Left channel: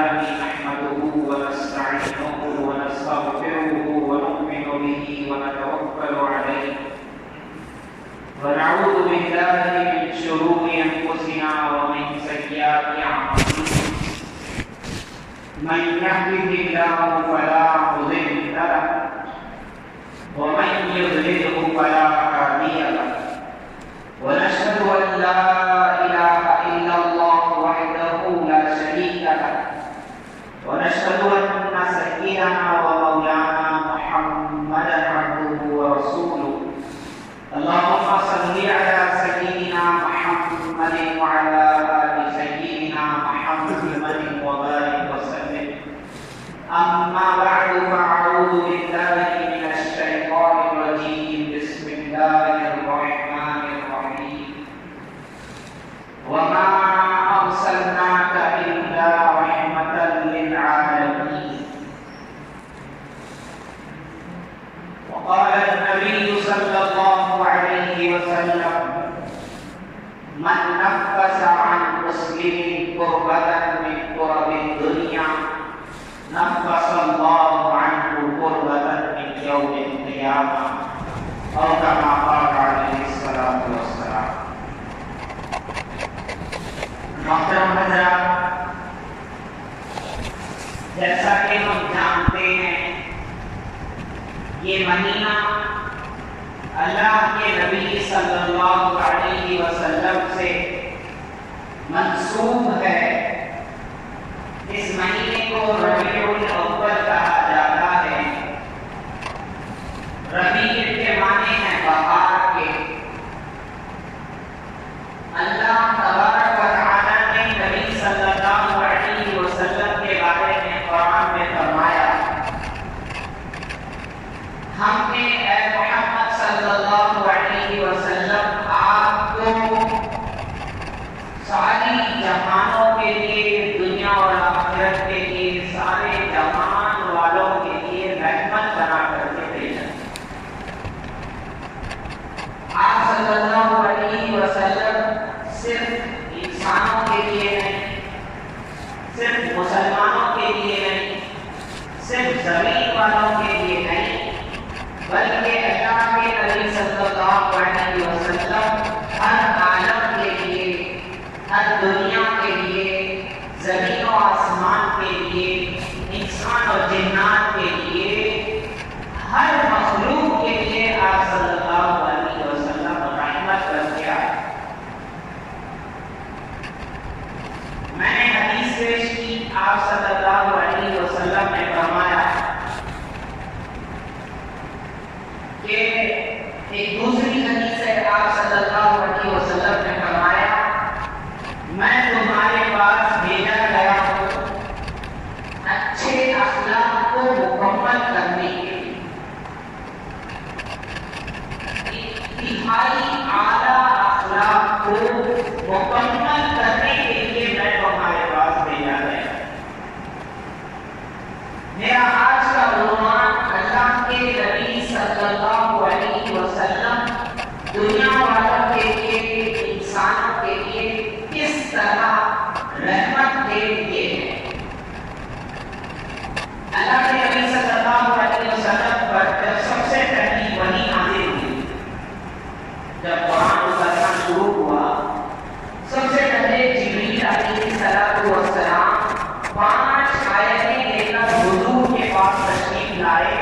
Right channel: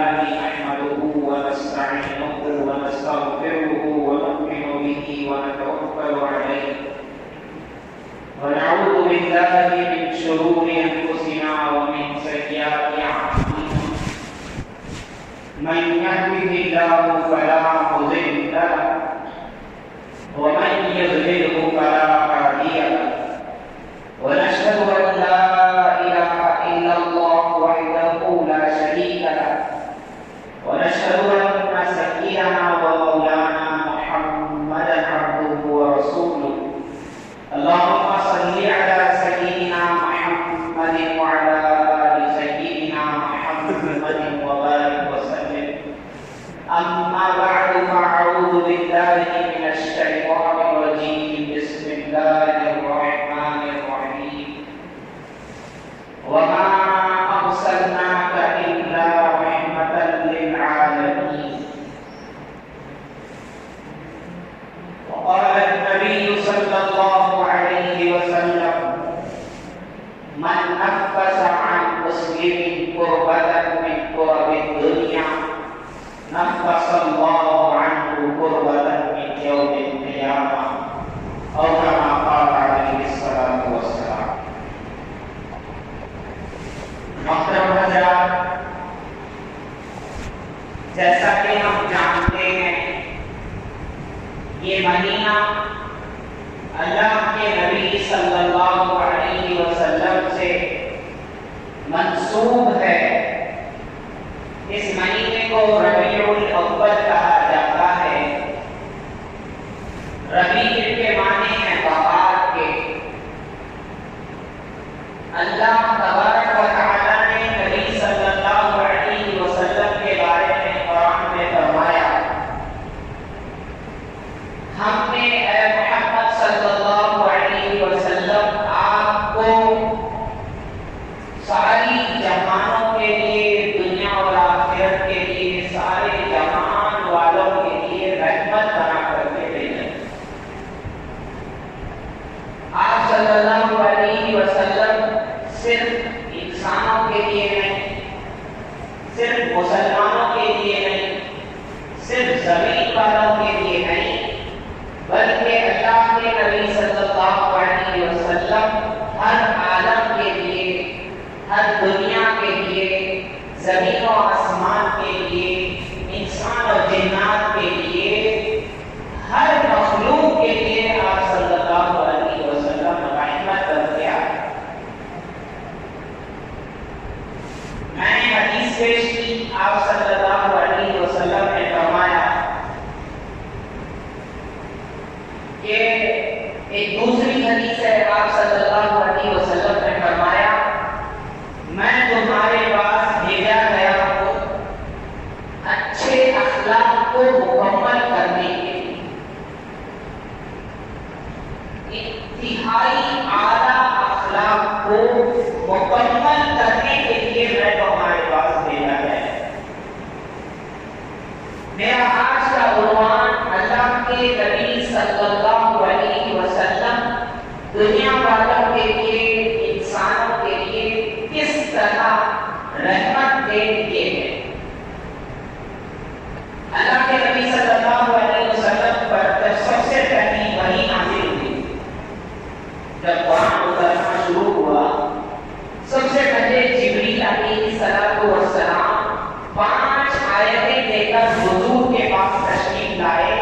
لله نحمده ونستعينه ونستغفره ونؤمن به ونتوكل عليه ونعوذ بالله من شرور أنفسنا ومن سيئات أعمالنا من يهده الله فلا مضل له ومن يضلله فلا هادي له ونشهد أن لا إله إلا الله وحده لا شريك له ونشهد أن سيدنا ومولانا محمدا عبده ورسوله اللهم صل على سيدنا محمد وعلى آل سيدنا محمد وبارك وسلم أما بعد فأعوذ بالله من الشيطان الرجيم بسم الله الرحمن الرحيم وما أرسلناك إلا رحمة للعالمين وقال النبي صلى الله عليه وسلم من نفس عن مسلم كربة من كرب الدنيا نفس الله عنه كربة من يوم القيامة أو كما قال عليه الصلاة والسلام. محترم حضرات، جیسا کہ ہم جانتے ہیں یہ مہینہ اللہ کے نبی صلی اللہ علیہ وسلم سے منسوب ہے. اس مہینے کو ربیع الاول کہا جاتا ہے. ربیع کے معنی ہیں بہار کے. اللہ تبارک و تعالی نے نبی صلی اللہ علیہ وسلم کے بارے میں قرآن میں فرمایا ہم نے اے محمد صلی اللہ علیہ وسلم آپ کو ساری جہانوں کے لیے، دنیا اور آخرت کے لیے، سارے جہان والوں کے لیے رحمت بنا کر کے بھیجا. آپ صلی اللہ علیہ وسلم صرف انسانوں کے لیے نہیں، صرف مسلمانوں کے لیے نہیں، صرف زمین والوں کے لیے نہیں، بلکہ اللہ کے نبی صلی اللہ علیہ وسلم ہر عالم کے لیے، ہر دنیا کے لیے، زمین و آسمان کے لیے، انسان اور جنات کے لیے، ہر مخلوق کے لیے آپ صلی اللہ علیہ وسلم رحمت کر کے آئے. میں نے حدیث پیش کی، آپ صلی اللہ علیہ وسلم نے فرمایا کہ ایک دوسری حدیث ہے، آپ صلی اللہ علیہ وسلم نے فرمایا میں تمہارے پاس بھیجا گیا ہوں اچھے اخلاق کو مکمل کرنے کے لیے. انتہائی اعلیٰ اخلاق کو مکمل کرنے کے لیے میں تمہارے پاس بھیجا گیا. میرا آج کا عنوان اللہ کے نبی صلی اللہ علیہ وسلم دنیا والوں کے لیے، انسانوں کے لیے کس طرح رحمت کے لیے ہے. اللہ کے نبی صلی اللہ علیہ وسلم پر جب سب سے پہلی وحی نازل ہوئی، جب قرآن اترنا شروع ہوا، سب سے پہلے جبریل علیہ السلام 5 آیتیں لے کر حضور کے پاس تشریف لائے.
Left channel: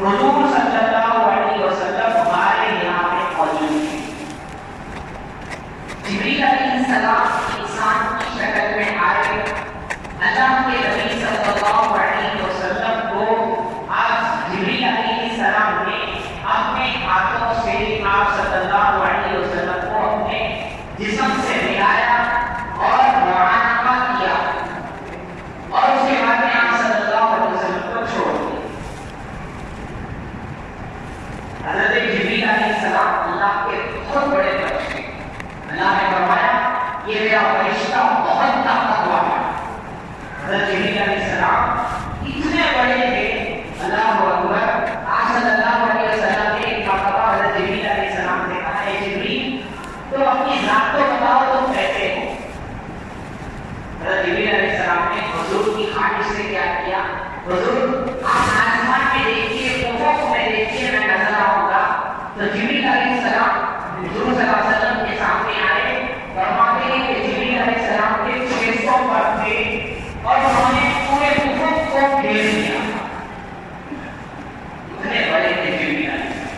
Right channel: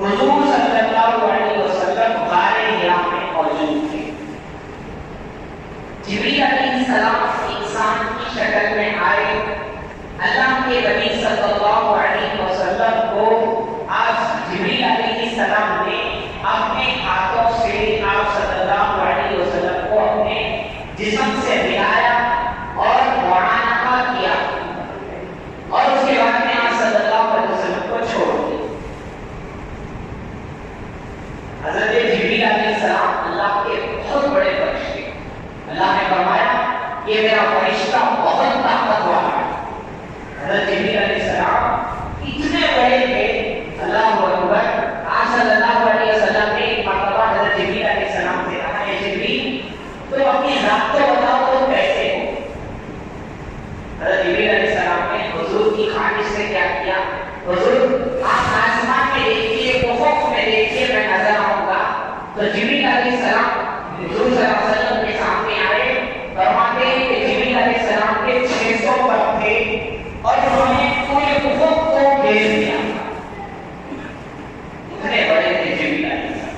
حضور صلی اللہ علیہ وسلم غار حرا میں موجود تھے. جبریل علیہ السلام انسان کی شکل میں آئے. اللہ کے نبی صلی اللہ علیہ وسلم کو آپ جبریل علیہ السلام نے اپنے ہاتھوں سے آپ صلی اللہ علیہ وسلم کو اپنے جسم سے ملایا اور معانقہ کیا، اور اس کے بعد میں آپ صلی اللہ علیہ وسلم کو چھوڑ دیا. حضرت جبریل علیہ السلام اللہ کے بہت بڑے فرشتے. اللہ نے فرمایا یہ میرا فرشتہ بہت طاقتور ہے. حضرت جبریل علیہ السلام اتنے بڑے تھے، اللہ اکبر. آپ صلی اللہ علیہ وسلم نے ایک مرتبہ حضرت جبریل علیہ السلام سے کہا اے جبریل تم اپنی ذات کو بتاؤ تم کیسے ہو. حضرت جبریل علیہ السلام نے حضور کی خواہش سے کیا کیا؟ حضور آپ آسمان میں دیکھیے، افق میں دیکھیے، میں نظر آؤں گا. تو جبریل علیہ السلام حضور صلی اللہ علیہ وسلم کے سامنے آئے. فرماتے ہیں کہ جبریل علیہ السلام کے 600 پر تھے اور انہوں نے پورے افق کو گھیر لیا. اتنے بڑے تھے جبریل علیہ السلام.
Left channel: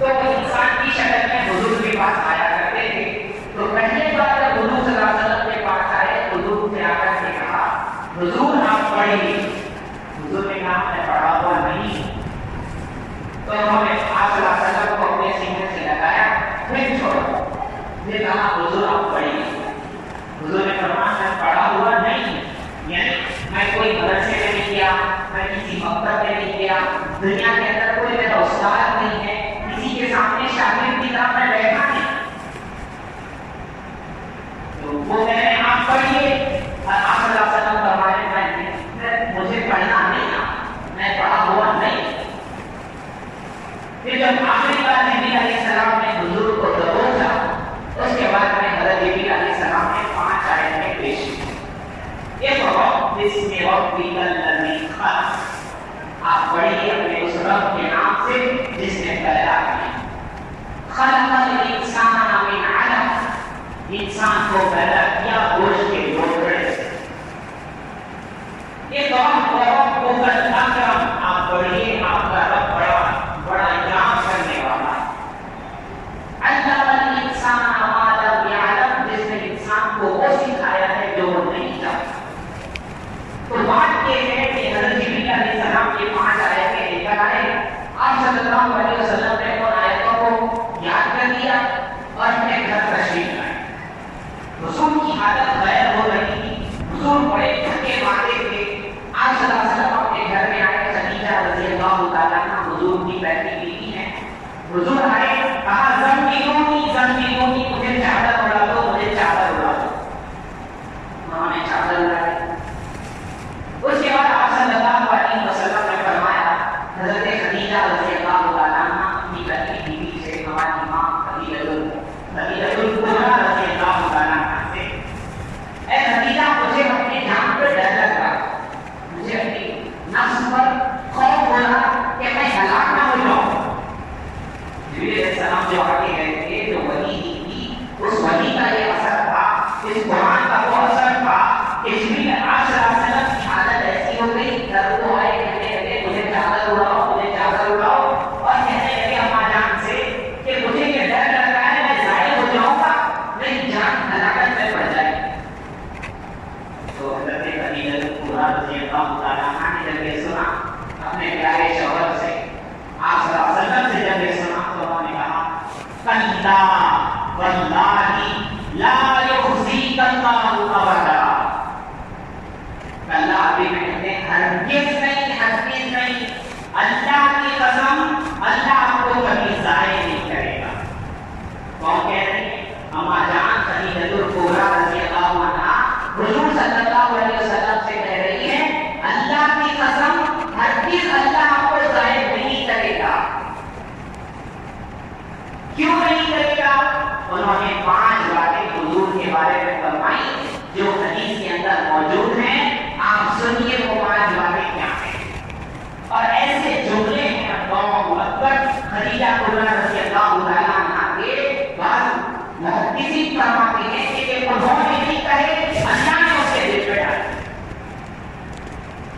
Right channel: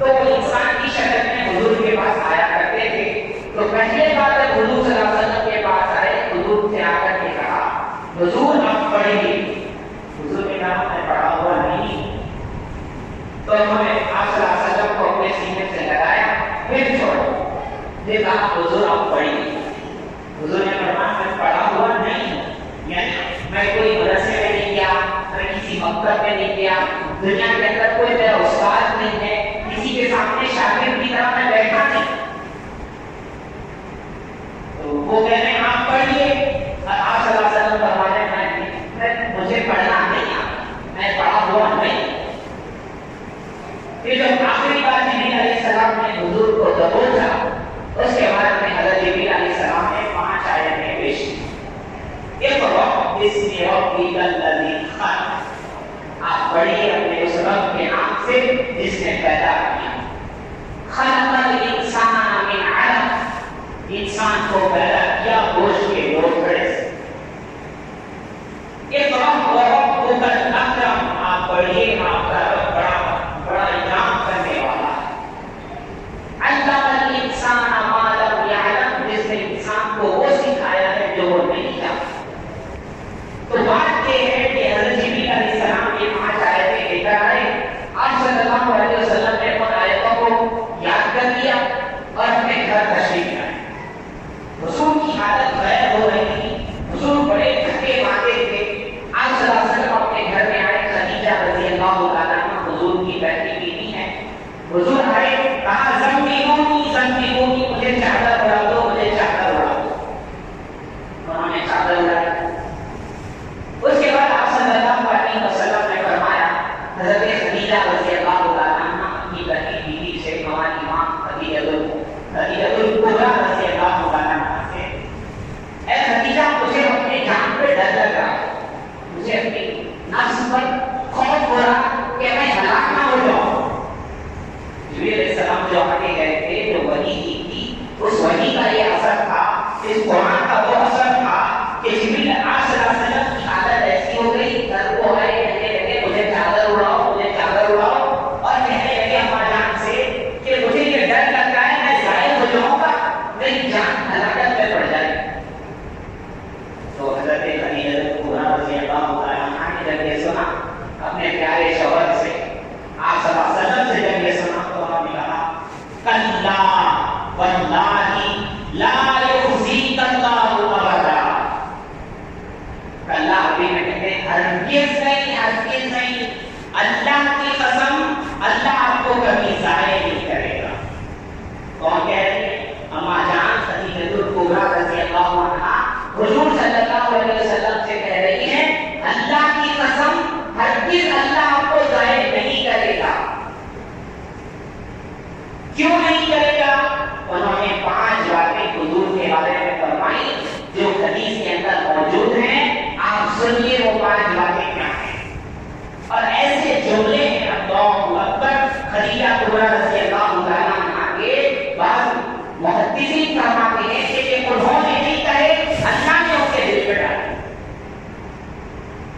تو وہ انسان کی شکل میں حضور کے پاس آیا کرتے تھے. تو پہلے بار جب حضور صلی اللہ علیہ وسلم کے پاس آئے، حضور سے آ کر کے کہا حضور آپ پڑھیے. حضور نے کہا میں پڑھا ہوا نہیں. تو انہوں نے آپ صلی اللہ علیہ وسلم کو اپنے سینے سے لگایا، پھر چھوڑا. پھر کہا حضور آپ پڑھیے. حضور نے فرمایا میں پڑھا ہوا نہیں، یعنی میں کوئی مدرسے میں نہیں گیا، میں کسی مکتب میں نہیں گیا، دنیا کے اندر کوئی میرا استاد نہیں ہے، کسی کے سامنے شاگرد کی طرح میں بیٹھا نہیں. تو وہ کہہ رہے ہیں آپ پڑھیے. آپ صلی اللہ علیہ وسلم فرمانے ہیں مجھے پڑھنا نہیں آتا، میں پڑھا ہوا نہیں. پھر جب آخری بار جبریل علیہ السلام نے حضور کو دبوچا، اس کے بعد میں حضرت جبریل علیہ السلام نے 5 آیتیں پیش کی. اقرأ باسم ربک الذی خلق. آپ پڑھیے اپنے اس رب کے نام سے جس نے پیدا کیا. خلق الانسان من علق. انسان کو پیدا کیا گوشت کے لوتھڑے سے. اقرأ وربک الاکرم. آپ پڑھیے آپ کا رب بڑا اکرام کرنے والا. علم الانسان ما لم یعلم. جس نے انسان کو وہ سکھایا ہے جو وہ نہیں جانتا. تو بات یہ ہے کہ حضرت جبریل علیہ السلام یہ 5 آیتیں لے کر آئے. آپ صلی اللہ علیہ وسلم نے ان آیتوں کو یاد کر لیا اور اپنے گھر تشریف لائے. حضور کی حالت غیر ہو رہی تھی. حضور بڑے تھکے ماندے تھے. آپ صلی اللہ علیہ وسلم اپنے گھر میں آئے. خدیجہ رضی اللہ تعالیٰ عنہ حضور کی پہلی بیوی ہیں. حضور آئے، کہا زمبیلونی، مجھے چادر اڑا دو، مجھے چادر اڑا دو. انہوں نے چادر اڑائی. اس کے بعد آپ صلی اللہ علیہ وسلم نے فرمایا حضرت خدیجہ رضی اللہ تعالیٰ عنہ اپنی پہلی بیوی سے، ہماری ماں خدیجہ الکبریٰ رضی اللہ تعالیٰ عنہ سے، اے خدیجہ مجھے اپنے جان پہ ڈر لگ رہا، مجھے اپنی نفس پر خوف ہو رہا کہ میں ہلاک نہ ہو جاؤں. جبریل علیہ السلام جو آگے گئے تھے، جو وحی دی تھی، اس وحی کا یہ اثر تھا، اس قرآن کا وہ اثر تھا کہ جبریل آپ صلی اللہ علیہ وسلم کی حالت ایسی ہو گئی، در کو آئے، کہنے لگے مجھے چادر اڑاؤ، مجھے چادر اڑاؤ، اور کہنے لگے اماں جان سے کہ مجھے یہ ڈر لگتا ہے میں ضائع ہو جاؤں گا، میری جان ہلاکت میں پڑ جائے. تو حضرت خدیجہ الکبریٰ رضی اللہ تعالیٰ عنہ نے جب یہ سنا اپنے پیارے شوہر سے، آپ صلی اللہ علیہ وسلم سے جب یہ سنا تو انہوں نے کہا کلا واللہ لا یخزیک اللہ ابدا. کلا ابھی میں کہتے ہیں ہرگز نہیں، اللہ کی قسم اللہ آپ کو کبھی ضائع نہیں کرے گا. کون کہہ رہی ہے؟ اماں جان خدیجہ الکبریٰ رضی اللہ عنہا حضور صلی اللہ علیہ وسلم سے کہہ رہی ہیں اللہ کی قسم ہرگز اللہ آپ کو ضائع نہیں کرے گا. کیوں نہیں کرے گا؟ انہوں نے 5 باتیں حضور کے بارے میں فرمائی جو حدیث کے اندر موجود ہیں. آپ سنیے وہ 5 باتیں کیا ہیں. اور ایسے جملے ہیں اللہ اکبر. خدیجہ کبریٰ رضی اللہ تعالیٰ عنہ کے بعد محدثین فرماتے ہیں کہ یہ انہوں نے نہیں کہے، اللہ نے اس کے دل پہ ڈالے.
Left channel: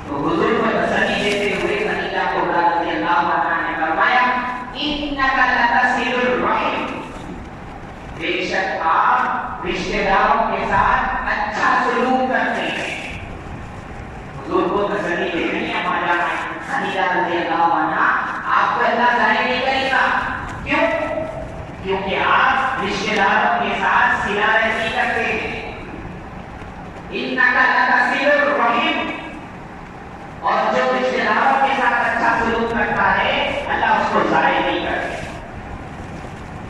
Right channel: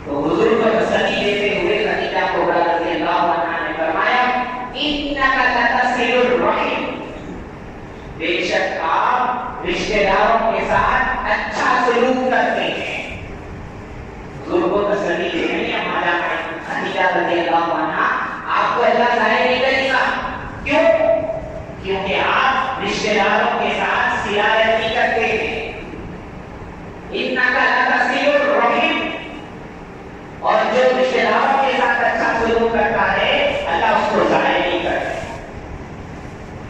تو حضور کو تسلی دیتے ہوئے خدیجہ کبریٰ رضی اللہ عنہ نے فرمایا انک لتصل الرحم. بے شک آپ رشتہ داروں کے ساتھ اچھا سلوک کرتے ہیں. حضور کو تسلی دے رہی ہے ماں جان خدیجہ رضی اللہ عنہ آپ کو اللہ ضائع نہیں کرے گا. کیوں؟ کیونکہ آپ رشتہ داروں کے ساتھ صلہ رحمی کرتے ہیں. انک لتصل الرحم. اور جو رشتہ داروں کے ساتھ اچھا سلوک کرتا ہے اللہ اس کو ضائع نہیں کرتا.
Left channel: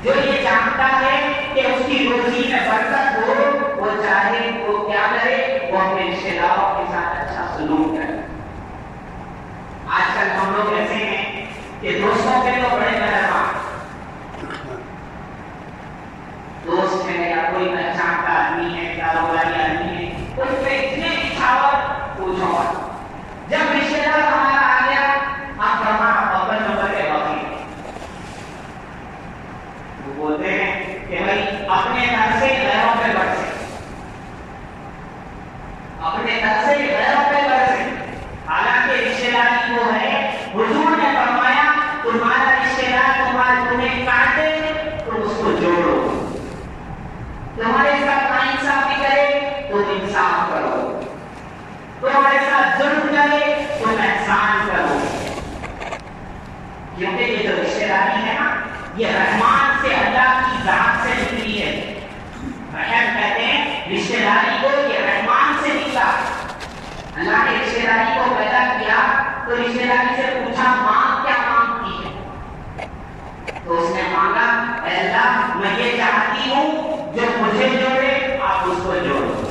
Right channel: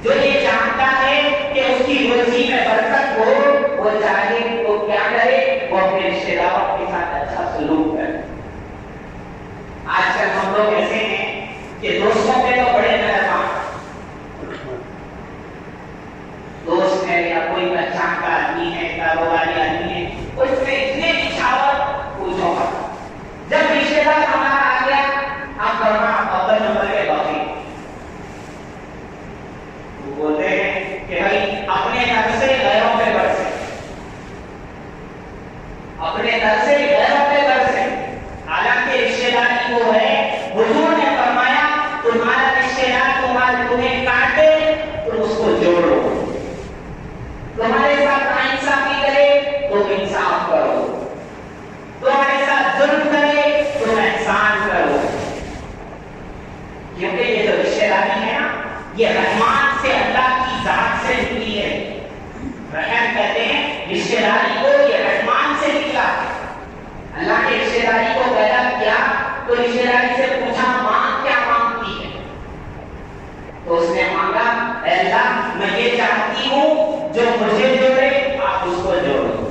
جو یہ جانتا ہے کہ اس کی روزی میں برکت ہو، وہ چاہے وہ کیا کرے، وہ اپنے رشتہ داروں کے ساتھ اچھا سلوک کرے. آج کل ہم لوگ ایسے ہیں کہ دوستوں پہ تو بڑے مہربان، دوست ہے یا کوئی پہچان کا آدمی ہے، کاروباری آدمی ہے، اس پہ اتنے نچھاور پوچھو مت. جب رشتے دار ہمارا آ گیا اب کرنا اول نمبر کے باقی وہ بولتے ہیں کہ بھائی اپنے گھر سے غیروں پہ برسے, اپنے گھر سے غیروں پہ برسے. حالانکہ رشتے داری وہ ہے, حضور نے فرمایا تمہارا رشتے دار تمہیں کاٹے تم اس کو جوڑو, تمہارے ساتھ ناانصافی کرے تو انصاف کرو, تمہارے ساتھ ظلم کرے تم احسان کرو. کیونکہ یہ جو رشتے داری ہے نا یہ رحمان سے, اللہ کی ذات سے نکلی ہے. رحم کہتے ہیں رشتے داری کو, یہ رحمان سے نکلا. اللہ نے رشتے داری کو پیدا کیا تو رشتے داری سے پوچھا ماں کیا مانگتی ہے, تو اس نے مانگا اے اللہ میں یہ چاہتی ہوں جو مجھے جوڑے آپ اس کو جوڑو,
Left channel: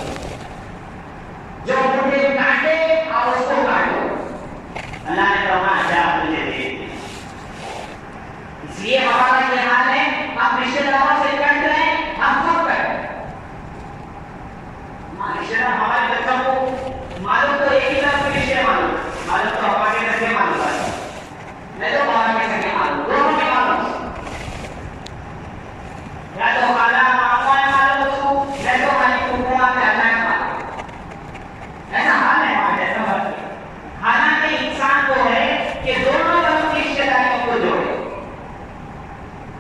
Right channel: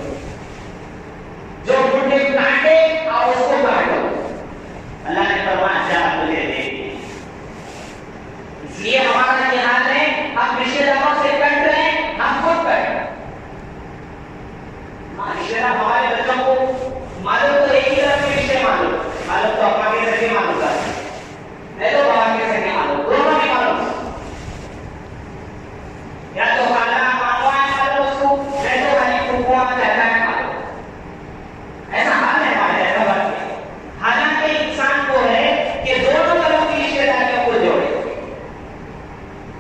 جو مجھے کاٹے آپ اس کو کاٹو. اللہ نے فرمایا جا تجھے دے دی. اس لیے ہمارا یہ حال ہے, ہم رشتے داروں سے کٹ رہے ہیں, ہم خود کٹ رہے ہیں. رشتے دار ہمارے بچوں کو معلوم تو ایک ہی طرف کے رشتے معلوم تو ابا کے سکے معلوم ہے, نہیں تو بابا کے سکے معلوم, دونوں میں معلوم, یا تو خالہ ماموں ہے معلوم اس کو, نہیں تو خالی پھوپھو چاچا ہے معلوم. ایسا حال ہے ہمارے, ایسا بات ہے. حالانکہ انسان کو ہے کہ دونوں طرف کی رشتے داریوں کو جوڑے.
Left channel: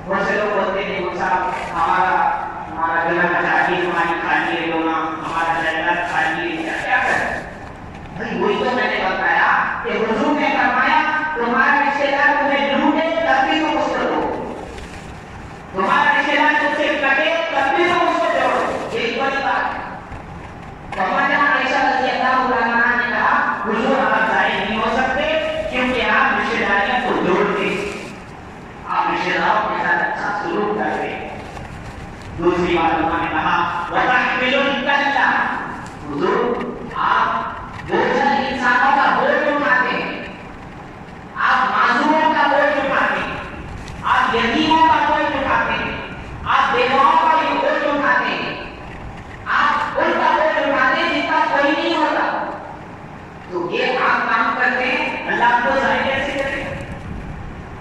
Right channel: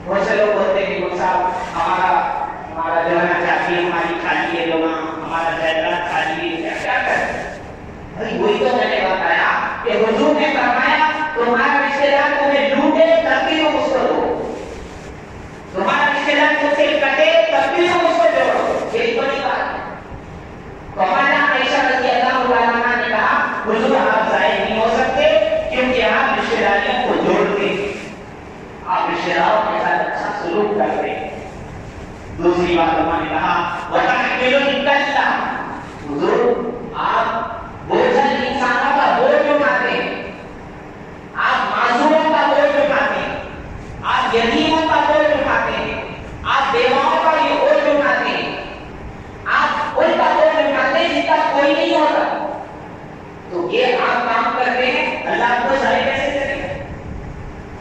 بہت سے لوگ بولتے ہیں کہ وہ صاحب ہمارا جو ہے نا چاچی ہماری کھالی ہے, لوگ ہمارا جائیداد کھالی ہے, کیا کریں. بھائی وہی تو میں نے بتایا کہ حضور نے فرمایا تمہارا رشتے دار تمہیں لوٹے تب بھی تم اس کو دو, تمہارا رشتے دار تم سے کٹے تب بھی تم اس کو جوڑو. یہ بڑی بات ہے. فرمایا عائشہ رضی اللہ عنہا نے کہا حضور آپ ظاہر نہیں ہو سکتے کیونکہ آپ رشتے داریوں کو جوڑتے, آپ رشتے داروں کے ساتھ اچھا سلوک کرتے. دوسری بات انہوں نے کہا وَتَحْمِلُ الْكَلَّ, حضور آپ بوجھل انسانوں کا بوجھ اٹھاتے ہیں, آپ معذوروں کا بوجھ اٹھاتے ہیں, آپ یتیموں کا بوجھ اٹھاتے ہیں, آپ بیواؤں کا یہ بوجھ اٹھاتے ہیں, آپ ان کا بوجھ اٹھاتے ہیں جن کا کوئی نہیں ہوتا. تو یہ آپ کام کرتے ہیں, اللہ آپ کو ظاہر کیسے کرے گا.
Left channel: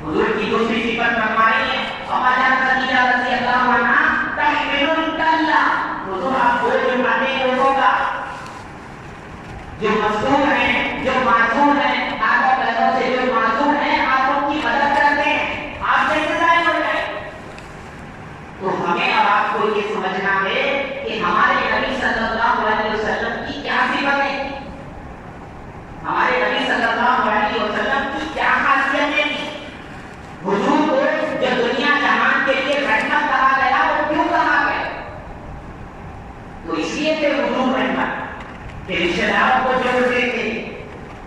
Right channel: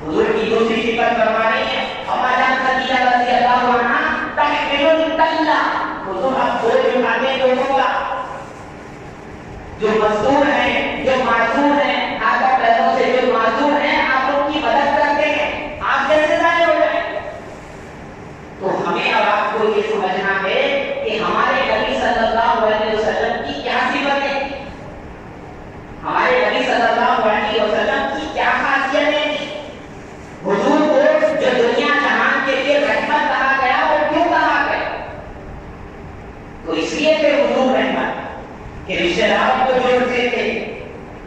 حضور کی دوسری صفت فرما رہی ہے اما جان خدیجہ رضی اللہ عنہا تحمل الکلّ, حضور آپ بوجھ اٹھاتے ہیں لوگوں کا جو مظلوم ہیں, جو معذور ہیں, ہاتھوں پیروں سے جو معذور ہیں, آپ ان کی مدد کرتے ہیں, آپ جیسے ظاہر ہو جائیں. تو ہمیں اور آپ کو یہ سمجھنا ہے کہ ہمارے نبی صلی اللہ علیہ وسلم کی کیا صفتیں, ہمارے نبی صلی اللہ علیہ وسلم کی کیا خاصیتیں تھیں. حضور کو جو دنیا جہان کے لیے رحمت کہا گیا وہ کیوں کہا گیا, تو اس لیے کہ حضور رحمت کہ رشتے داروں کو جوڑتے تھے.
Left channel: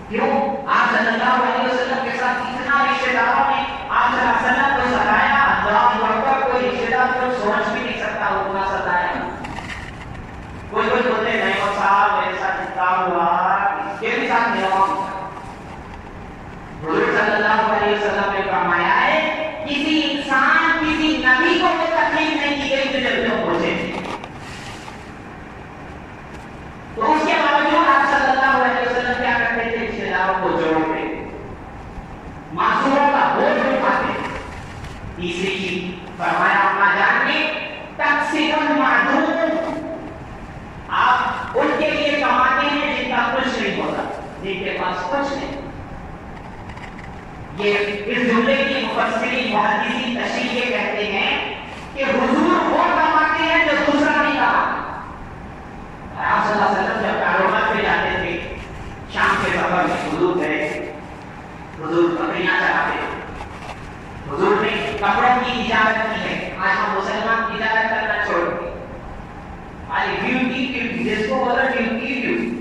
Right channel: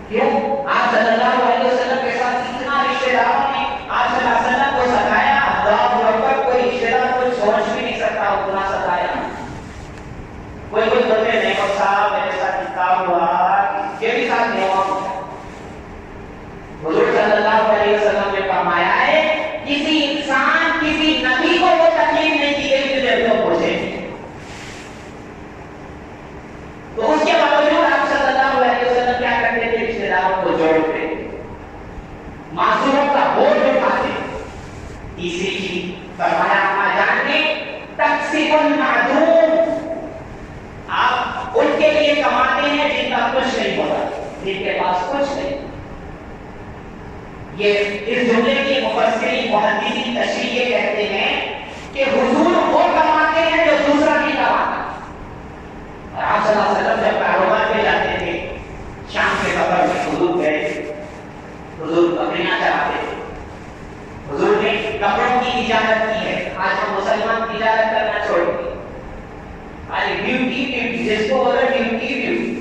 کیوں آپ صلی اللہ علیہ وسلم کے ساتھ اتنا رشتے داروں نے آپ صلی اللہ علیہ وسلم کو ستایا, اللہ اکبر, کوئی رشتے دار کچھ سوچ بھی نہیں سکتا اتنا ستایا. کوئی بولتے ہیں نہیں صاحب میرے ساتھ کتاب ہوا, اس کے بھی ساتھ نہیں ہوا. حضور صلی اللہ علیہ وسلم نے فرمایا ہے کسی انسان کسی نبی کو وہ تکلیف نہیں دی گئی جو پوچھے تھی. تو اس کے باوجود آپ صلی اللہ علیہ وسلم کیا کرتے تھے, رشتے داروں کو جوڑتے, معذوروں کا بوجھ اٹھاتے. تیسری چیز فرمایا اما جان نے تکسب المعدوم, آپ ان کے لیے کماتے ہیں جن کا کچھ نہیں ہوتا, جن کے پاس کچھ نہیں. یہ اس جملے کی مفسرین محدثین تشریح یہ کہتے ہیں کہ حضور وہ کماتے ہیں جو دوسرا نہیں کماتا. اور آپ صلی اللہ علیہ وسلم جب کاروبار پہ جاتے تھے, شام کے سفر میں حضور گئے, حضور بکریاں چراتے تھے, حضور نے کپڑوں کی تجارت کی ہے. آج ہم مسلمان تجارت کرنا چھوڑ دیے, آج ڈیوٹی جس کو بولا ڈیوٹی.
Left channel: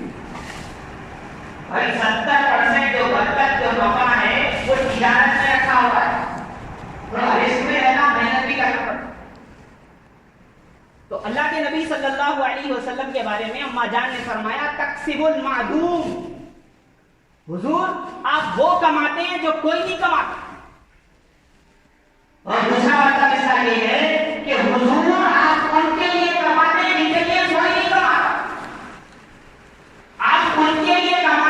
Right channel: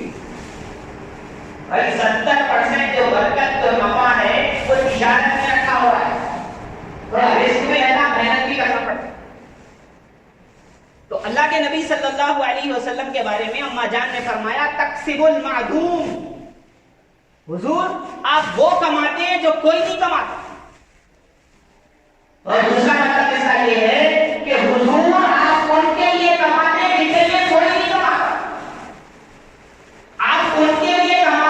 بھائی 70% جو برکت جو نفع ہے وہ تجارت میں رکھا ہوا ہے. تھوڑا رسک میں رہنا, محنت بھی کرنا پڑتا. تو اللہ کے نبی صلی اللہ علیہ وسلم کے بارے میں اما جان نے فرمایا تکسب المعدوم, حضور آپ وہ کماتے ہیں جو کوئی نہیں کماتا. اور دوسرا مطلب اس کا یہ ہے کہ حضور آپ ان کے لیے کماتے ہیں جن کے لیے کوئی نہیں کماتا. آپ ان کے لیے کماتے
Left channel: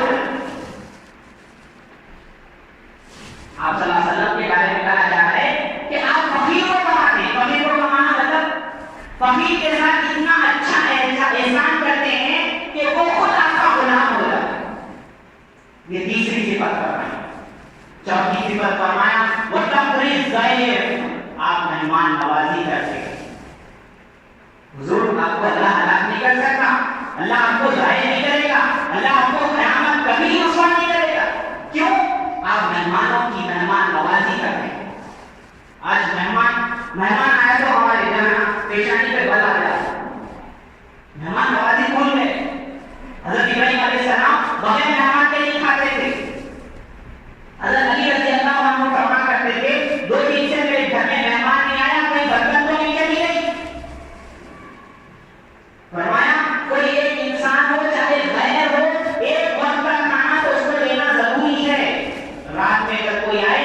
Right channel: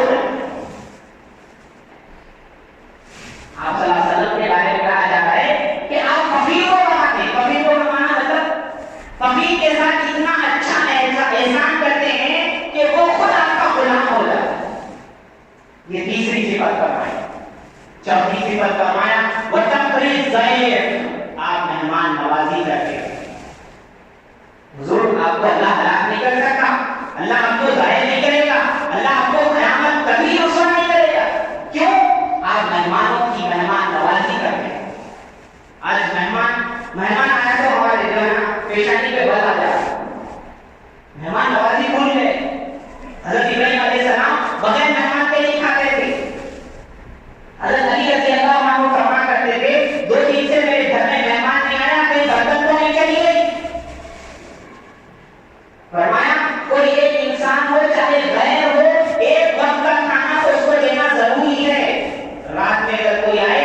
ہو جائے. آپ صلی اللہ علیہ وسلم کے بارے میں کہا جا رہا ہے کہ آپ فقیر کو کماتے ہیں. فقیر کو کمانا مطلب فقیر کے ساتھ اتنا اچھا احسان کرتے ہیں کہ وہ خود آپ کا غلام ہو جاتا ہے. یہ تیسری صفت فرمائی. چوتھی صفت فرمایا وَتَقْرِي الضَّيْفَ، آپ مہمان نوازی کرتے ہیں. حضور آپ کو اللہ ہلاک نہیں کر سکتا، اللہ آپ کو ضائع نہیں کرے گا، اللہ آپ کو قیامت کبھی رسوا نہیں کرے گا. کیوں؟ آپ مہمانوں کی مہمان نوازی کرتے ہیں. آج مہمان آیا تو ہمارے جہاں پیشانی پہ بل آ جائے. مہمان نوازی بھول گئے. حضرت ابراہیم علیہ السلام بغیر مہمان کے نہیں کھاتے تھے. حضرت علی رضی اللہ عنہ فرمایا کرتے تھے 2 دن سے میرے گھر میں مہمان نہیں آیا، کوئی برتن تو نہیں چلی گئی. فرمایا کوئی ایک انسان ہو چاہے غیر ہو، ایک وقت کا کھانا تو اس کو دینا ضروری ہے. رات میں اگر کوئی آئے،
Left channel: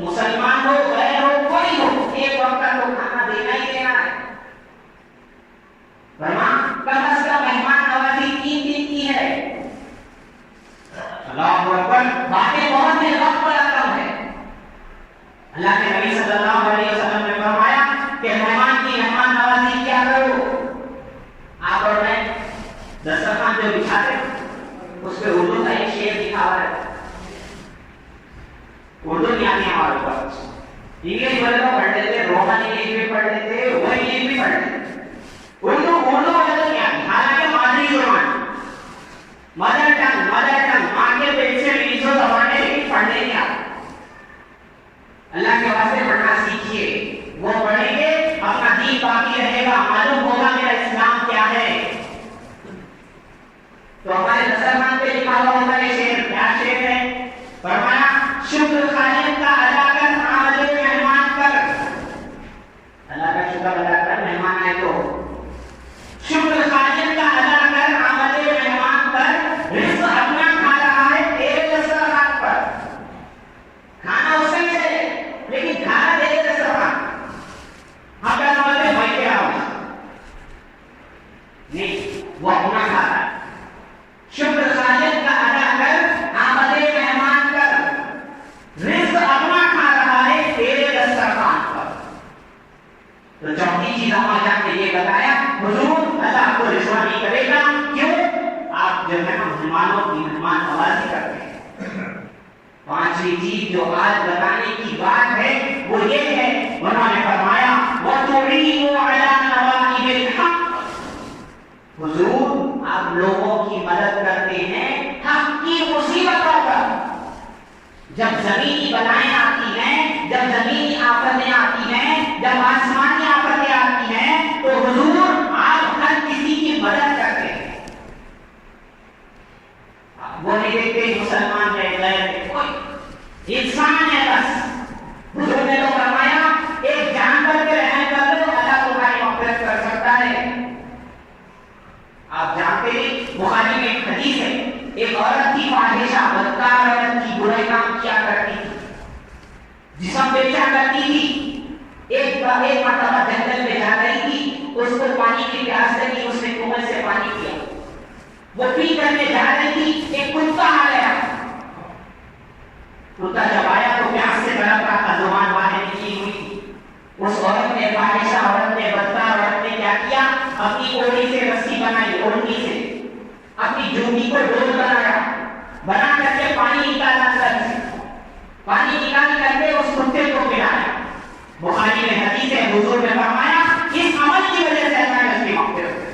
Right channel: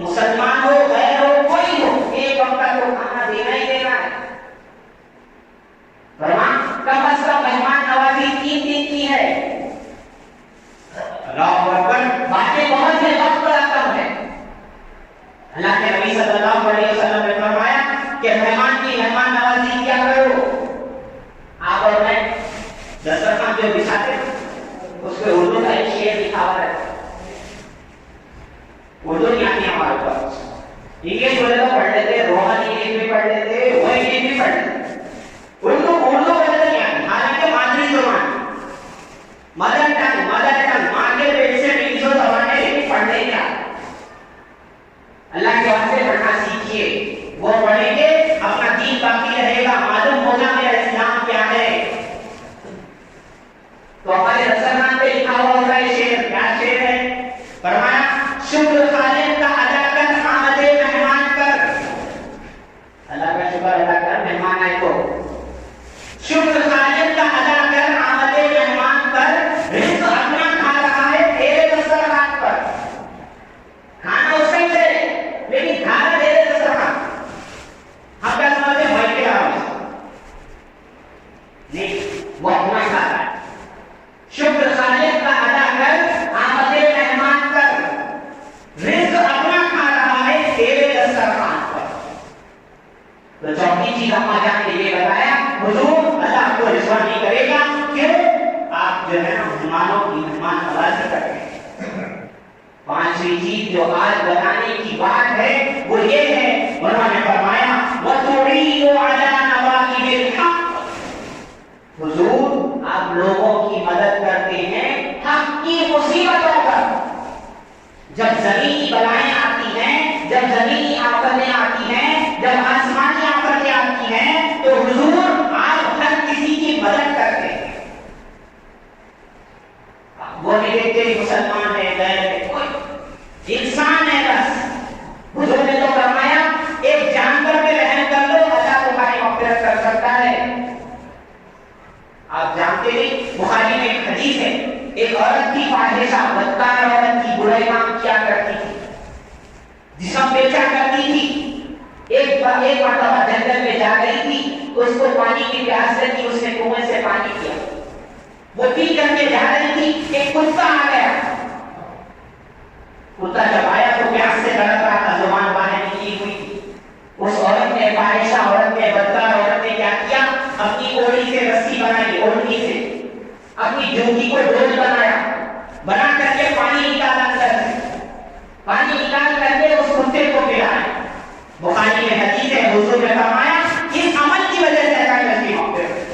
مسلمان ہو غیر ہو کوئی ہو، ایک وقت کا تو کھانا دینا ہی دینا ہے. فرمایا کم از کم مہمان نوازی 3 دن کی ہے. اللہ اکبر. باتیں بہت ہیں، وقت بڑا کم ہے. اللہ کے نبی صلی اللہ علیہ وسلم نے فرمایا کہ مہمان کی مہمان نوازی کیا کرو. آپ اور میں دسترخوان جو بچھاتے ہیں اس پہ اردو کا ایک شعر لکھا ہوا ہے. اردو نہیں آتی ہمارے اوپر، انگلش بولے تو پڑھ لیتے، رومن انگلش بھی پڑھ لیتے، وہ انگلش بھی پڑھ لیتے. اردو بولے تو نہیں آتی، حالانکہ مادری زبان، مدر ٹنگ ماں کے پیٹ سے بھی جو زبانیں لیکن پڑھنے کیا. اللہ کے واسطے پڑھنا سیکھیے. وہ پڑھیں گے اپنا دین باقی رہے گا، معلوم ہوگا میرا اسلام کیا ہے. تو ہمارے دسترخوان پہ لکھا ہوا ہوتا ہے شعر. کیا شعر ہے؟ فرمایا شکر خالق کا ادا کر آمد مہمان کر. اللہ کا شکر ادا کر، مہمان آئے تو شکر خالق کا ادا کر آمد مہمان کر. رزق اپنا کھا رہا ہے تیرے دسترخوان پر. کھانا اس سے چلے لیکن کھانا تیرے دسترخوان. ہم کیا سمجھتے ہیں بھائی کیا نہیں، وہ اپنا کھا رہا ہے. شکر خالق کا ادا کر آمد مہمان کر. رزق اپنا کھا رہا ہے تیرے دسترخوان پر. تو چوتھی چیز اما جان نے یہ بتایا حضور اللہ کو رسوا نہیں کرے گا. کیوں؟ آپ جو ہے نا مسلمانوں کی مہمان نوازی کرتے ہیں. 5ویں چیز جو آج بتانے کی بات ہے وہ یہ ہے، انہوں نے فرمایا وَتُعِينُ عَلَى نَوَائِبِ الْحَقِّ. حضور آپ لوگوں کی مدد کرتے ہیں حق کی مصیبتوں پر. جب زمینی بلائیں آتی ہیں، جب زمینی آفتیں آتی ہیں، جب آسمانی آفتیں آتی ہیں تو حضور آپ ہر کسی کی مدد کرتے ہیں. وہ نہیں دیکھتے مسلمان ہے غیر ہے، کوئی انسان ہے بس. حضور نے تو فرمایا ایک جانور پہ رحم کر لو، اللہ تمہاری مغفرت کر سکتا ہے. آپ جانتے ہیں بخاری میں ایک حدیث ہے، ایک عورت تھی فاحشہ بدکار عورت تھی، برے کام کیا کرتی تھی، جسم بیچا کرتی تھی. ایک مرتبہ جنگل میں جا رہی تھی، اس کو پانی کی پیاس لگی، اس نے کنویں سے پانی پیا. وہ پی کر کے جا رہی تھی، ایک کتا آ گیا. کتا جب آیا تو پیاس سے تڑپ رہا تھا، زبان باہر نکلی ہوئی تھی. اس عورت نے فاحشہ عورت نے بدکار عورت نے کیا کیا؟ اپنی اوڑی سے رسی بنائی، اوڑی سے اپنی جوتی کو ڈول بنایا، بنا کر کے پانی نکالا، اندر سے پانی نکال کر کے اس کتے کو پلایا. بخاری میں حدیث ہے، حضور نے فرمایا جس عمل کی وجہ سے اللہ نے اس کی مغفرت.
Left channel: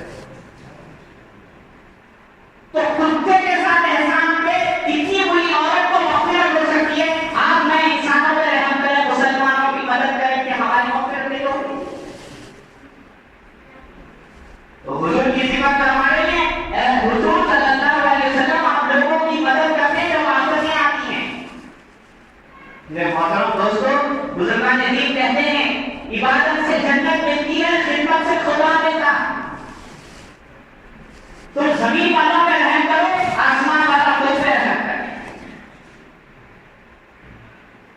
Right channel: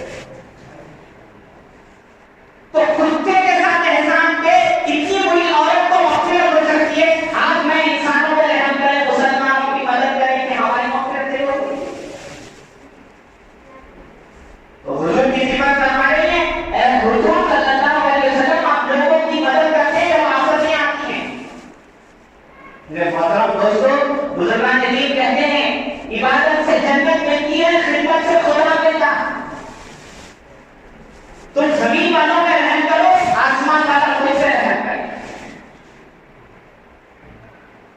تو کتے کے ساتھ احسان پہ کتنی بری عورت کو مغفرت ہو سکتی ہے. آپ میں انسانوں پر رحم کریں، مسلمانوں کی مدد کریں کہ ہماری مغفرت نہیں ہوگی. تو حضور کی صفت فرما رہے ہیں اے حضور صلی اللہ علیہ وسلم آپ لوگوں کی مدد کرتے ہیں جب آفتیں آتی ہیں. میرے محترم دوستو، بزرگان دین کہتے ہیں عبادت سے جنت ملتی ہے، خدمت سے خدا ملتا. تم زمین والوں پہ رحم کرو، آسمان والا خود پہ رحم کرے.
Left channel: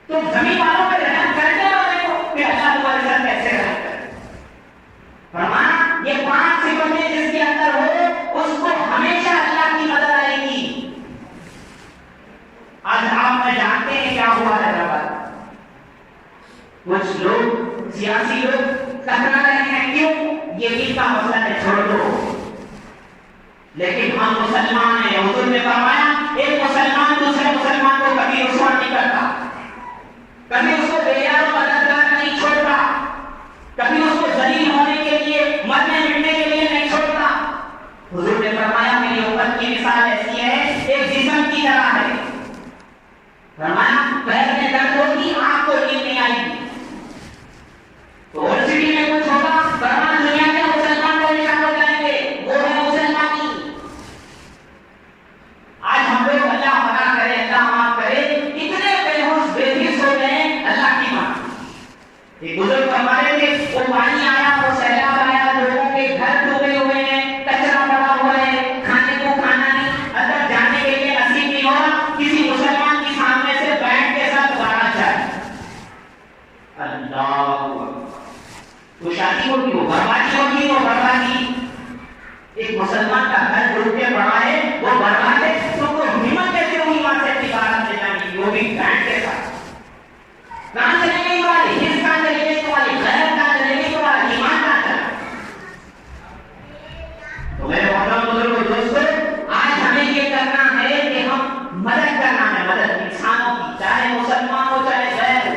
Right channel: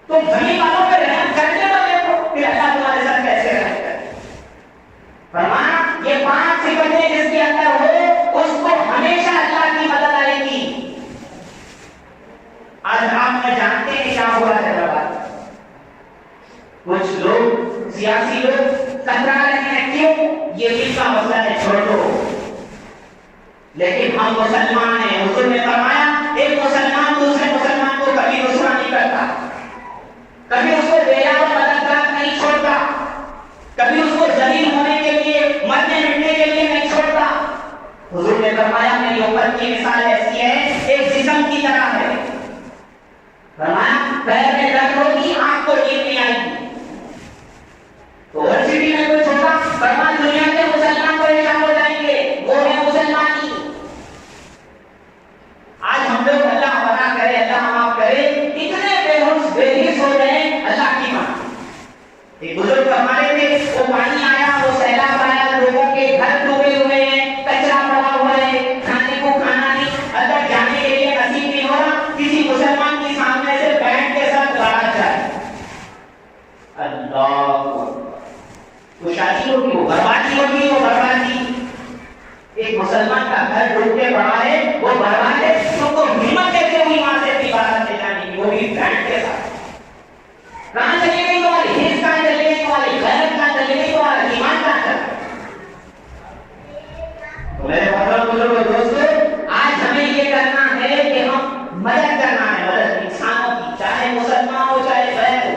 تم زمین والوں پہ رحم کرنے والے دیکھو کہ اللہ تمہارے ساتھ کیسے رحم کرے. فرمایا یہ 5 صفتیں جس کے اندر ہو اس کو ہمیشہ اللہ کی مدد آئے گی. ہوا ہے حیدرآباد. کچھ لوگ سیاسی لوگ کترا رہے ہیں کیوں؟ یہ دل کا مسئلہ ہے، چھوڑ دو. لیکن ہم مسلمان ہیں. حضور نے فرمایا ایک مسلمان دوسرے مسلمان کو کبھی رسوا نہیں کرتا، کبھی اس کو بےیار و مددگار نہیں چھوڑتا، کبھی اس کو ذلیل ہونے کے لیے مرنے مٹنے کے لیے نہیں چھوڑتا. حضور نے فرمایا میری امت کی مثال ایسی ہے ایک جسم کی طرح ہے. فرمایا پیر میں درد ہوگی آنکھ کو نیند نہیں آئے گی تو اور سٹی میں کچھ ہوگا. فرمایا دنیا کے مسلمان پریشان ہو جائیں گے، وہ ہے مسلمانی. آج ہم لوگ اللہ بنا کرے اللہ معاف کرے اتنے بےہوش بےحس ہو گئے اللہ کی بات. ایک بزرگ فرماتے تھے وہ پانی آیا، وہ سیلاب آیا، لوگوں کے گھر ڈوبے ہوئے ہیں، کچرا پڑا ہوا ہے، کھانے کو کھانا نہیں، اندر جانے کے لیے نصیب نہیں ہو رہا. کسی مسلمان کے سامنے سے بیٹھ کے ساتھ لڑا جائے اللہ تو شادی ہوگی، وہ بربادی ہوگی، وہ بربادی. ایک مسلمان کا گھر ڈوب کے پڑا ہے وہ برباد ہے. تو کو ہمت کیسے ہوئی وہاں سے اپنی بارات لے جانے کی، وہ بھی برانڈ کے ساتھ؟ کہاں چلی گئی تمہاری حص، کہاں چلی گئی تمہاری غیرت، کہاں چلی گئی تمہارا ایمان، کہاں چلا؟ تو میرے محترم بزرگوں دوستو، آج ہمیں یہ کرنا ہے کہ ہم مدد کرنا ہے، مدد انسانوں کی، چاہے مسلمان ہو چاہے غیر ہو.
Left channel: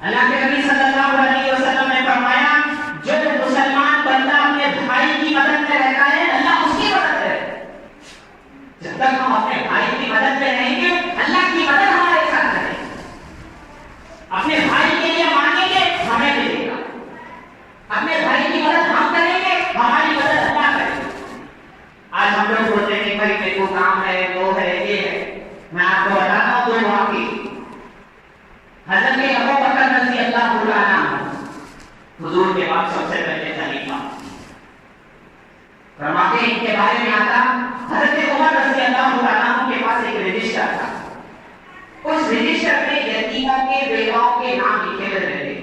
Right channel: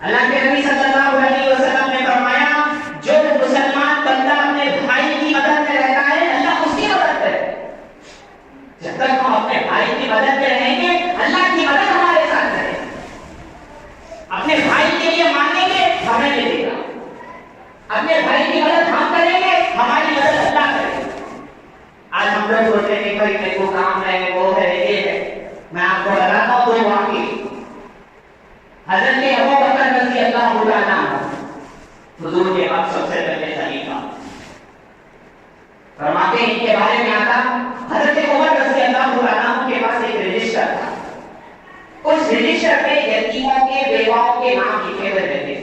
اللہ کے نبی صلی اللہ علیہ وسلم نے فرمایا جو مسلمان بندہ اپنے بھائی کی مدد میں رہتا ہے اللہ اس کی مدد کرے. جب تک ہم اپنے بھائی کی مدد میں رہیں گے اللہ کی مدد ہمارے ساتھ رہے. اپنے بھائی کے لیے مانگیں گے ہمیں ملے گا، اپنے بھائی کی مدد ہم کریں گے ہماری مدد اللہ کرے گا. آج ہم لوگ سوچتے ہیں کہ بھائی میرے کو کام ہے، وہ ہے، یہ ہے. میں آپ کو بتاتا ہوں دو واقعے. حضرت ابو بکر رضی اللہ تعالیٰ عنہ حضور کے بعد سب سے پہلے خلیفہ. فرماتے ہیں ان کے بارے میں آتا حضرت عمر رضی اللہ تعالیٰ عنہ کے پاس ایک رجسٹر تھا. اس رجسٹر میں یتیموں کے بیواؤں کے نام لکھے ہوئے رہتے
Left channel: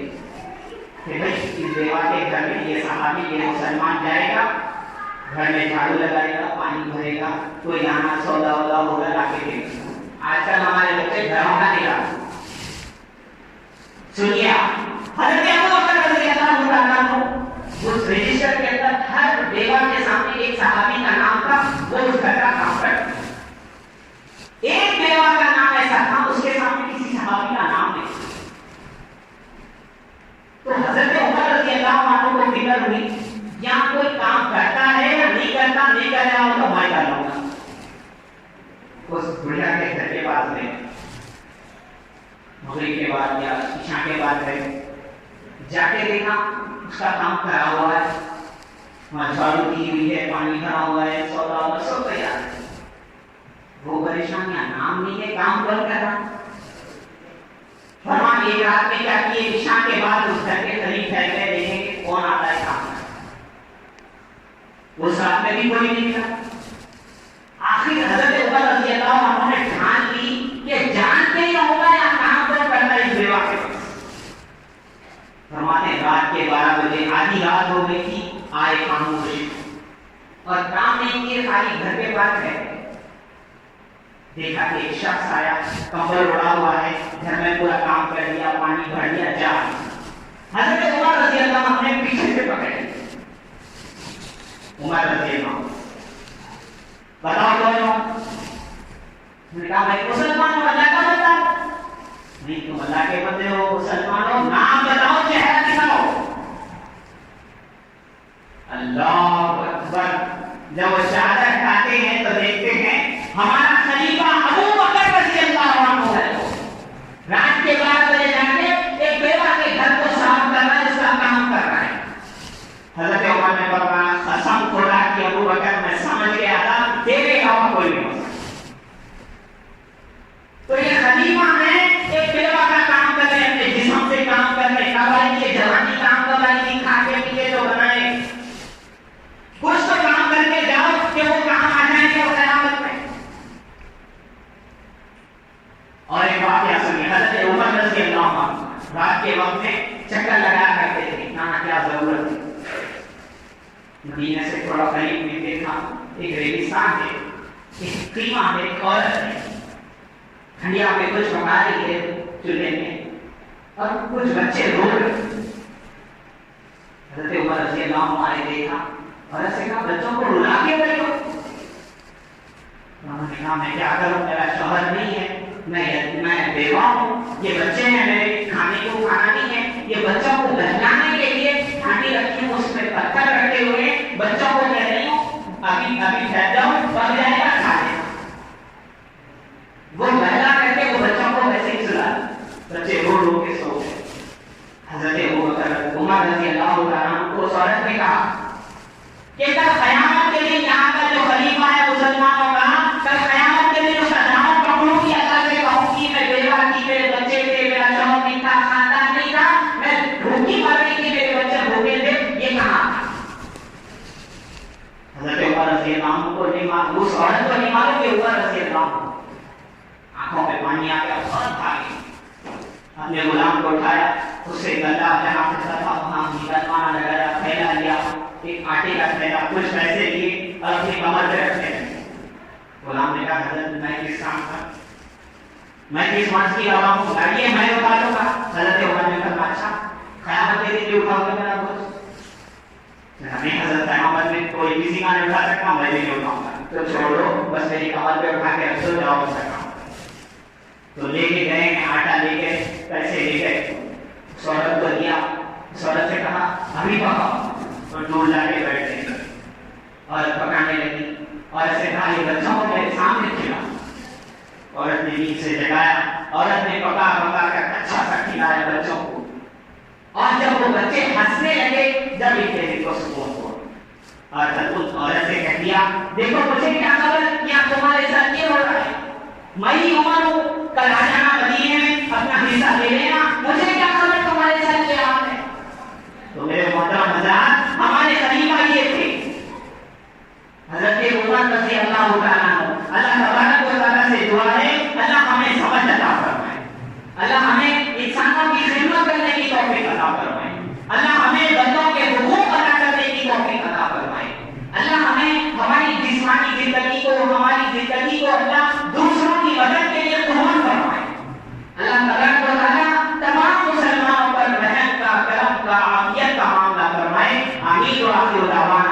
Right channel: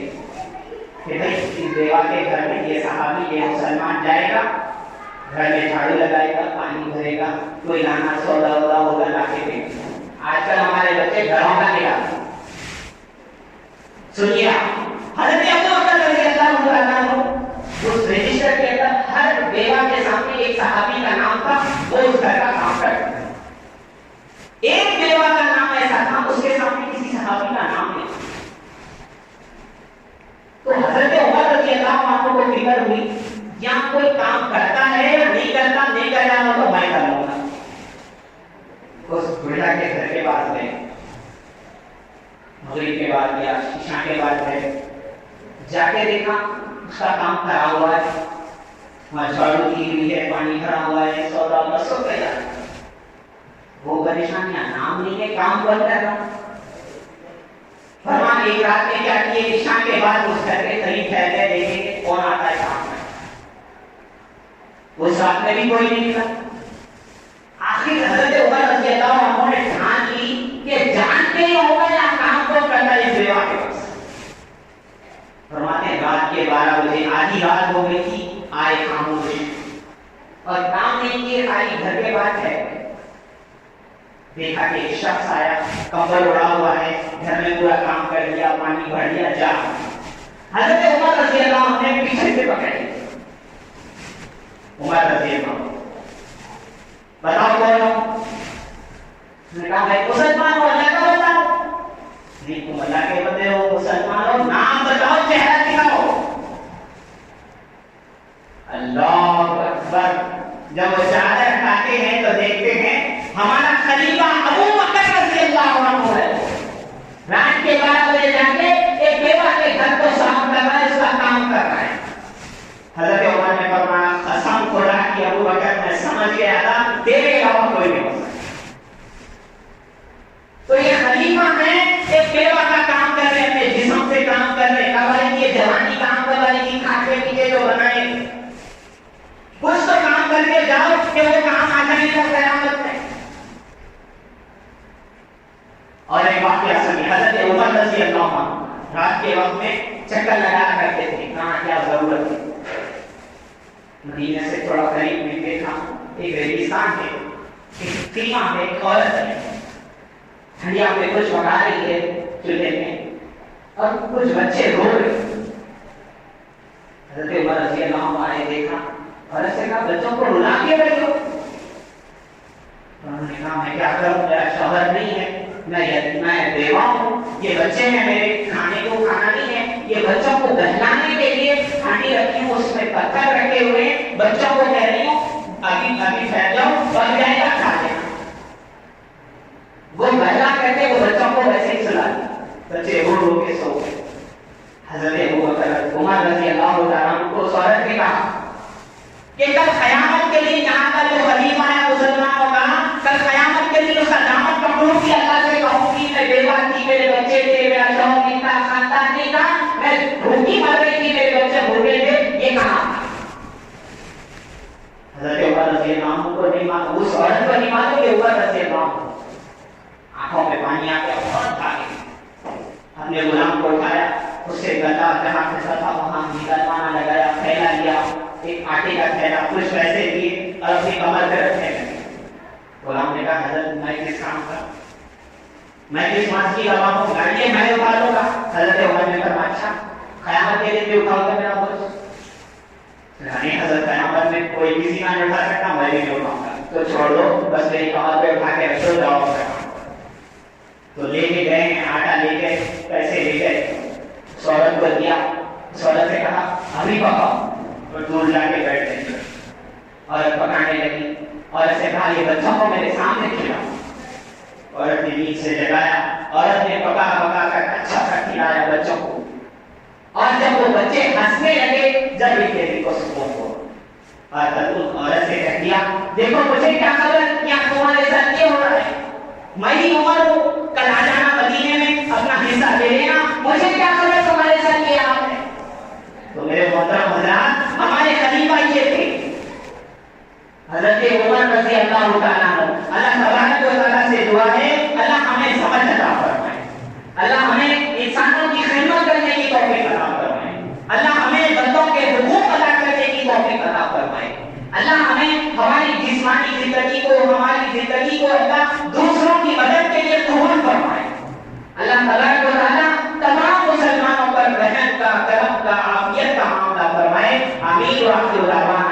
کہ بھائی اس بیوہ کے گھر میں یہ صحابی یہ مسلمان جائے گا، گھر میں جھاڑو لگائے گا، پانی بھرے گا، کوئی لانا سودا وودا ہوگا لا کے دے گا. آج کل ہمارے بچے گھروں کا نکالتے. سنیے حضرت ابو بکر رضی اللہ تعالیٰ عنہ اس رجسٹر کے اندر ہر بیوہ کے سامنے ایک صحابی کا نام تھا، وہ اس گھر کا کام کرتا. ایک بیوہ کا نام ایسا تھا اس کے سامنے کسی صحابی کا نام نہیں. تو حضرت عمر رضی اللہ عنہ کو فکر ہوئی یہاں کوئی کام کرتا ہے یا نہیں کرتا، نہیں کر رہا ہو تو میں کر لوں گا. اس بڑھیا کے گھر کے پاس گئے، مغرب کے بعد یا عشاء کے بعد گئے، جا کے دیکھا اس کا کام کرا ہوا ہے، وہاں جھاڑو کی ہوئی ہے، پانی بھرا ہوا ہے، سودا سب تیار ہے. وہ پریشانیاں نام نہیں ہے، کام کون کر رہا. فرمان ایک رات میں کیا کیے، عشاء کے بعد اس گھر کے قریب ٹھہر کے دیکھیں کہ کون آتا ہے کام کرنے. اس رات میں بھی کوئی نہیں ملا. آخر حضرت عمر رضی اللہ عنہ نے ٹھان لی کہ جان کے ہی ہوگا یا کام کو کرتا ہے اس بیوہ کے پاس. فرماتے رات کے 12 بجے آدھی رات ہو گئی تھی، آئے خاموش اور کام نہیں کیے، خالی گھر کے پاس ہے. دیکھا کہ ایک شخص آیا، کمبل اڑا ہوا ہے، گھر میں پورا کام کر لیا، پانی بھر لیا، جا. حضرت عمر رضی اللہ عنہ نے پیچھے سے پکڑ لیا. عمر رضی اللہ عنہ بتاؤ کون ہو؟ میں نے کہا میں مسلمان ہوں، اللہ کا بندہ ہوں. نہیں تم اللہ کے بندے ہو، مسلمان ہو، نام بتاؤ، چہرہ دکھاؤ. اللہ اکبر. جب وہ چادر ہٹاتے ہیں تو دیکھتے ہیں ہمارا خلیفہ ابو بکر رضی اللہ عنہ ہے. رات کے 12 بجے جا کے ایک بیوہ کے گھر کو صاف کر رہا ہے، اس کا کام کر رہا ہے. حضرت عمر نے فرمایا قسم خدا کی ابو بکر میں سمجھ گیا تھا تیرے علاوہ کوئی نہیں ہو سکتا. تو یہ خلیفہ ہے، ایک بیوہ کا کام کر رہے، اپنے جسم سے کام کر رہے. کبائی کی جوانی کام کبائی کی کھا کے پیچھے جو بنائے کچھ تو کام کر کے جاؤ کہ وہ کام آ جائیں گے قیامت میں. اور ایک واقعہ سنیے. حضرت عمر رضی اللہ عنہ رات کے وقت میں چکر لگایا کرتے تھے، کہاں کیا ضرورت تھی. مدینے سے تھوڑا قریب میں دیکھا ایک ریگستان ہے، ایک خیمہ ہے، ایک عورت ہے. ہنڈیا پہ کچھ پکا رہی ہے چولہے میں اور کچھ بچے رو رہے. حضرت عمر رضی اللہ عنہ نے دیکھا اور ایسے کہا بچوں کو رلا کے رہے ہو. انہوں نے کہا میں کیا کروں, میرا شوہر نہیں ہے, میں بیوہ ہوں, یہ بچے ہیں میرے, کھانے کو کھانا نہیں ہے, یہ بچوں کو بہلانے کے لیے ہانڈی رکھی ہوں, اس میں پتھر رکھے ہوئے, بچوں کو کہہ رہی ہوں ابھی پھیل جاؤ اور جائے گا کھا لینا. وہ بہلا کر کے وہ بچوں کو ویسے ہی سلا دیا, بچے رو رو کے سو گئے. حضرت ابو بکر عمر رضی اللہ تعالیٰ عنہ کو اس عورت نے کہا کہ کل قیامت کے دن یہاں کا جو خلیفہ ہے مسلمانوں کا, کل قیامت کے دن اس علامت پکڑوں گی, اللہ سے کہوں گی میں بیوہ تھی, میرے بچے تھے, میرا شوہر نہیں تھا, خاندان نہیں تھا, میں بھوکی مر رہی تھی, میرے بچے بھوکے تھے, یہ کہاں تھا؟ حضرت عمر رضی اللہ عنہ کو نہیں معلوم, اس عورت کو نہیں معلوم کہ عمر رضی اللہ عنہ آنکھوں میں پانی آ گیا, فوراً بھاگے, اپنے غلام کو اٹھایا, اس سے گدا جہاں پھنسا تھا وہاں گدوانا لگایا, پھیلا لیا, ایک آٹے کا تھیلا, کچھ پیسے دیے اور اپنی کمر پہ رکھنے لگے. غلام نے کہا حضرت میں کس کام کا, میں کس ماس کی روا ہوں, گاڑی میں اٹھا لوں گا. حضرت عمر نے کہا اچھا قیامت کے دن بھی اٹھاؤ گے میرا بوجھ؟ نہیں حضرت قیامت میں کوئی کسی کا نہیں اٹھا سکتا, میں بھی نہیں اٹھاؤں گا, تو چھوڑ دو, بس میری کمر پہ اٹھا کے رکھ دو, جاؤ اپنا کام. تو لے کے گئے, آٹا لے کے, پیسے لے گئے, اس عورت کو دیا. اس عورت سے کہا ابھی پکاؤ, اور دور لا کے بیٹھ گئی. عورت پکانے لگی, عورت سے کہا یہ بچوں کو میرے سامنے کھلاؤ. عورت نے نیند سے جگایا, عورت نے پکا پکا کر اچھا سا کھلایا بچوں کو. اور جب وہ بچے ہنسنے لگے, جب ان کے دل کو سکون ہوا, اور تب عورت سے کہہ دیا دیکھو مجھے کیا خبر کیا تمہارے ساتھ یہ ہو رہا ہے, میں ہی عمر ہوں, کل آ جانا مدینے میں, اپنا حصہ لے لینا, مجھے کیا خبر تمہارے ساتھ کیا آپ نے. تو میرے محترم حضرات, ہمارے خلیفہ یہ تھے حضرت عمر رضی اللہ تعالیٰ عنہ. اللہ تبارک و تعالیٰ سے دعا ہے اللہ ہمیں سمجھ عطا فرمائے, اللہ ہمیں انسانوں کی خدمت کرنے کی توفیق عطا فرمائے, اللہ ہمیں بندوں کے حقوق ادا کرنے کی توفیق عطا فرمائے, اللہ ہمیں ہماری جسمانی زندگی کو, ہماری زندگی کو اللہ دوسروں کی مدد کے لیے قبول فرمائے. اللہ تبارک و تعالیٰ تمام مسلمانوں پر رحم کا, کرم کا, عافیت کا معاملہ فرمائے. آمین و آخر دعوانا